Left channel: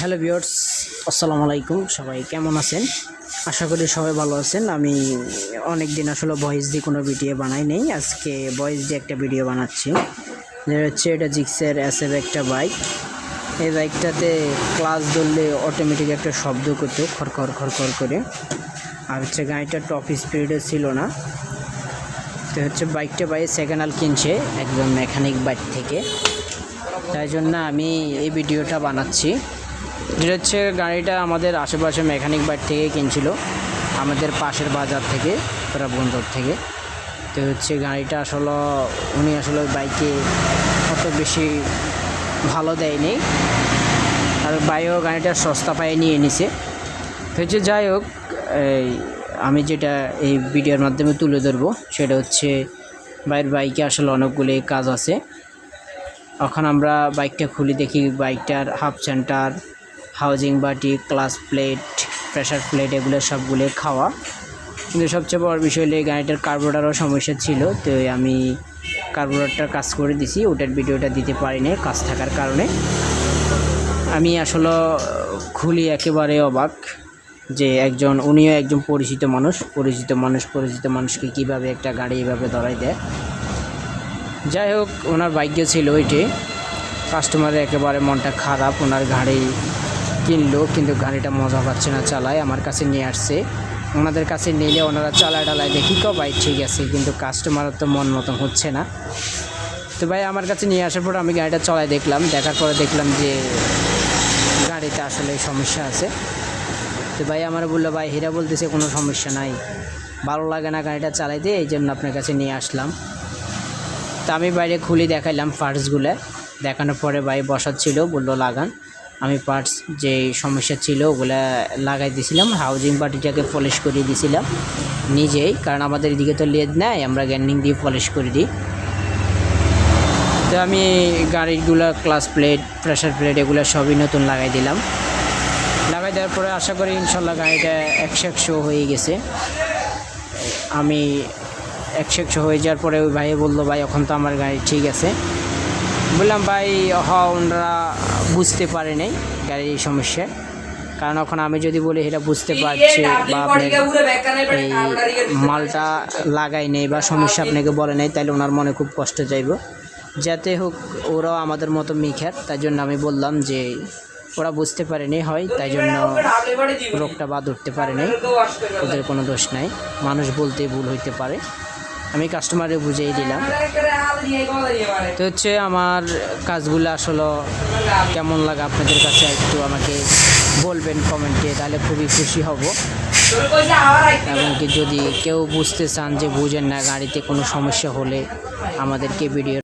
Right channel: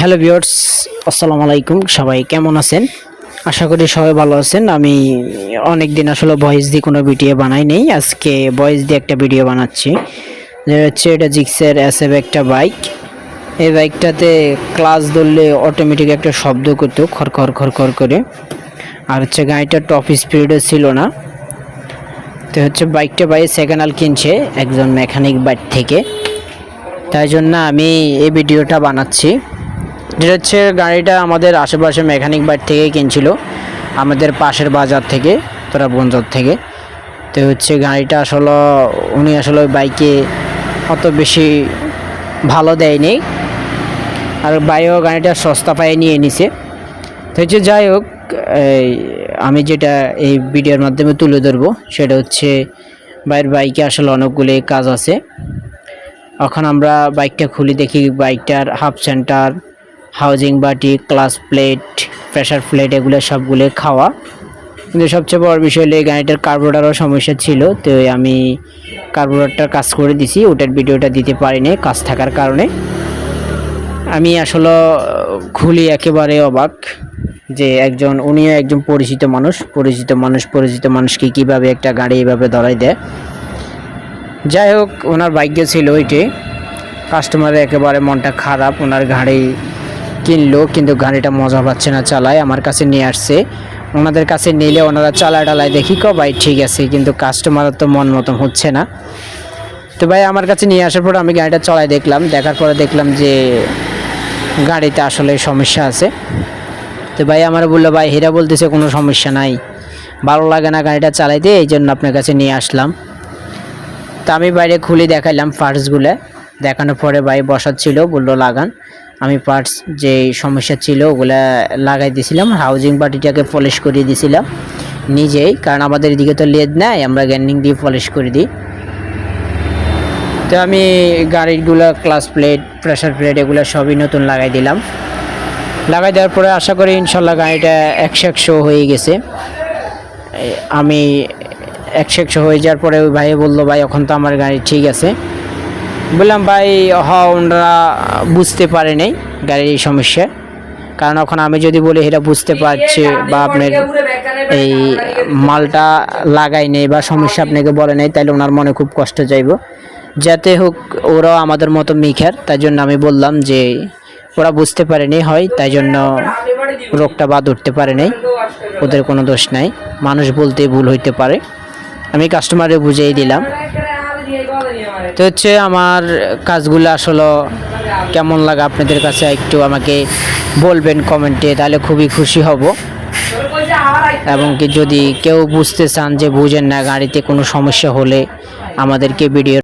Hello viewers, আসসালামু আলাইকুম। সবাই কেমন আছেন? আশা করি সবাই ভালো আছেন। আমি অনেক দিন আসলে ভয়েস দিয়ে কোনো ভিডিও বানাই নেই, আজকে ভয়েস দিয়ে একটা ভিডিও বানাচ্ছি। এটা জিক্সের এসএফ একটা বাইক। এই বাইকটাতে ক্লাচ ধরলে অটোমেটিক একটা শব্দ করতো, খড়খড় খড়খড় করে। আর গাড়িটার টপ স্পিডও ছিল না। তো বাইকটা সেকেন্ড হ্যান্ড কিনছে একজন মেকানিক বাইক থেকে, তাই জন্য আমি এই ভিডিওটা বানাচ্ছি। যেটা গাড়িটা আমাদের আশেপাশে মেকানিক বাইক থেকে কিনছিল, আমাদের পাশের বাজার থেকে, তোরা বঞ্জর থেকে। তো গাড়িটা আসলে উনি আসলে বাইকে অত বেশি ভালো দেয়নি, আর বাইও গাড়িটা সস্তা পায়ে নিয়ে নিছে। তো যাই হোক, আমি যেটা এই ভিডিওর মাধ্যমে তুলে ধরবো সেটা বাইকে আসলে অনেকগুলো কাজ আছে। এখন আমরা বাইকটা খুলে দেখি, বাইকটার হাফ সেন্টার, হাউজিং বাটি, ক্লাচ প্লেট, প্রেসার প্লেট এগুলো সবগুলো খাওয়া। কিন্তু সবচেয়ে বড় বিষয় হলো গাড়িটার কার্বোরেটরও সমস্যা ছিল। তো আমি কার্বোরেটরটার কাজ করে দিছি, ওটার ভিডিওটা দিতে পারিনি কাজ থাকার কারণে। আমি আসলে খুলি একেবারে অবাক যে উনিও একজন পরিচিত মানুষকে কীভাবে একটা গাড়ি এইভাবে ধরাই দেয়। যাই হোক, ওনার বাইকে ছিল ওইটি। কাস্টমারের একেবারে মনটা খারাপ, ওনার গাড়ি কিনলো কিন্তু গাড়িটা মজা পাচ্ছে না চালায়, আমার কাছে নিয়ে আসছে। ওনাদের কাছে নিলে ওনারা চালায় দেখি ভাই ঠিক আছে, কিন্তু কাস্টমারের তো মন মতন হচ্ছে না। তো ভাই আমার কাছে নিয়ে আসার পর আমি গাড়িটা চালায় দেখলাম, দেখার পরে দেখলাম যে গাড়িতে আসলে সমস্যা আছে। তো ভাই আমার বললো, ভাই হীরা বলতেছে কোনো সমস্যা নাই, ভালো লাগে না গাড়িটা চালাইতে, এই জন্য আপনার কাছে নিয়ে আসলাম। তা আমি বাইরে খুলে দেখাইলাম পার্টসগুলো, দেখানোর পরে ভাই বসাচ্ছিল, বললো লাগান। আমি পার্টস যে সমস্যা ছিল ওগুলা লাগাই দিয়েছিলাম, হাউজিং বাটিটাকে পলিশ করিয়ে দিয়েছিলাম নিজেই, কারণ আমাদের এদিকে তো লেদ নাই, আমরা গ্যান্ডিং দিয়ে পলিশ করে দিই। তো আমি গাড়িগুলো ক্লাচ প্লেট, প্রেসার প্লেট এগুলো সবই নতুন লাগাই দিলাম। লাগাই দেওয়ার পরে আশা করি ইনশাল্লাহ গাড়িটা 100 হয়ে গেছে। আমি 100 হয়ে যাওয়ার পরে ওই ভাই বললো, ভাই এখন তো আমার গাড়ি ঠিক আছে। বললাম, ভাই ওনারা বুঝতে পারে নাই গাড়ির এই সমস্যা, কারণ এখন আমি যদি বলি এটা বুঝতে পারছি বা আপনার এই মালটা লাগাই নেই বা সমস্যা আপনাকে বলে নেই, তাহলে ওনার মনে খুব কষ্ট যাইব। যাতে হোক ওরাও আমাদের মতো মিখার, তাই জন্য আমি বললাম যে ওরা বুঝতে পারেনি হয়, তাই জন্য রোগটা বাদ উঠতে পারে নাই, ওদের কোনো দোষ নাই, মানুষ বলতে ভুল হইতে পারে। আমি কাস্টমারে বুঝিয়ে দিলাম। তো আমার কাজগুলো আসলে কেমন লাগে আপনাদের কাছে একটু আমাকে বলবেন কমেন্টে, তাহলে খুবই খুশি হব। এবং কি যদি কেউ বুঝতে চান যে বুঝেন না, গাড়িতে কোনো সমস্যা হলে আমাদেরকে ভিডিও